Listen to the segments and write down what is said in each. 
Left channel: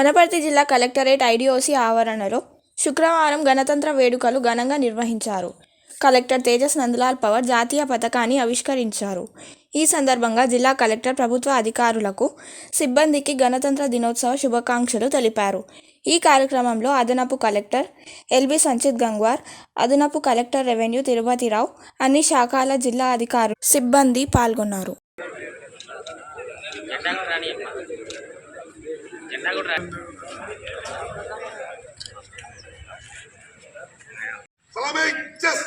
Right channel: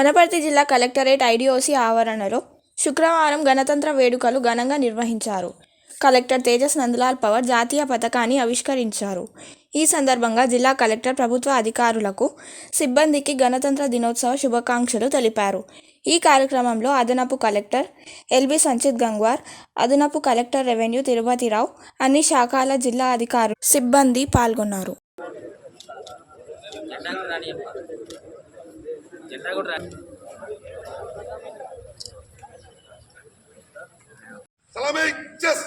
వనపర్తి జిల్లా collectorate IDOC ఆవరణలో శుక్రవారం గణతంత్ర వేడుకలు ఘనంగా నిర్వహించారు. కలెక్టర్ తేజస్ నందలాల్ పవర్ జాతీయ పతాకాన్ని ఆవిష్కరించారు. ఈ సందర్భంగా జిల్లా కలెక్టర్ ప్రభుత్వ అధికారులకు, సిబ్బందికి గణతంత్ర దినోత్సవ శుభాకాంక్షలు తెలిపారు. ఈ కార్యక్రమంలో అదనపు కలెక్టర్ ఎల్బి సంచిత్ గంగ్వార్, అదనపు కలెక్టర్ రెవెన్యూ తిరుపతిరావు, అన్ని శాఖల జిల్లా అధికారులు, సిబ్బంది పాల్గొన్నారు. Salami, chess.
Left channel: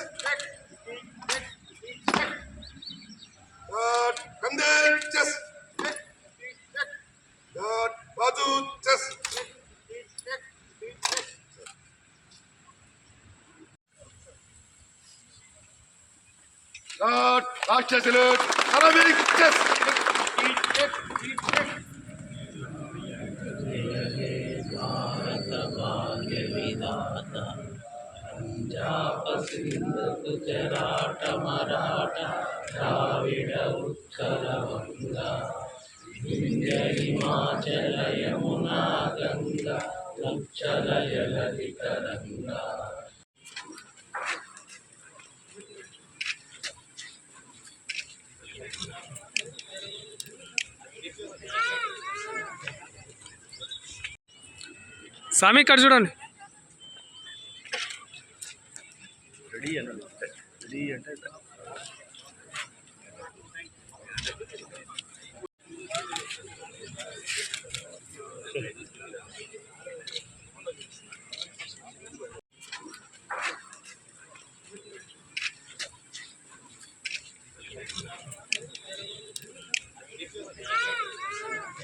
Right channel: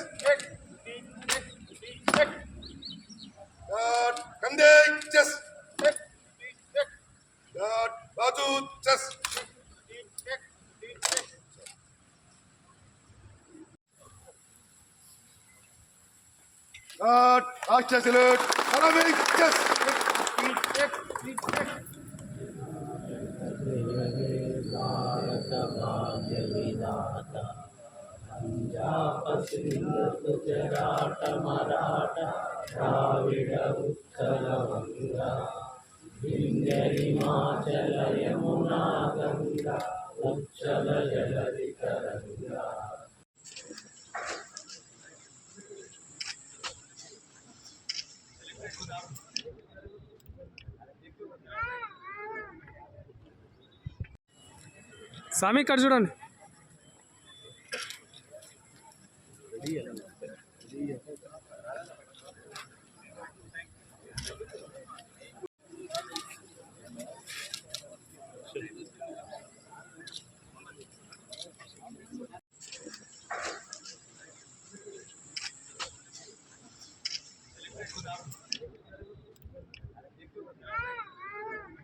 Kande, chess. Baju, chess. Last chess alert. Salami, chess. Punjab Sindh Gujarat Maratha Dravid Utkal बंगा विंध्य हिमाचल यमुना गंगा उच्चल जलधि तरंगा। స్వామి ఇక్కడ చూడండి.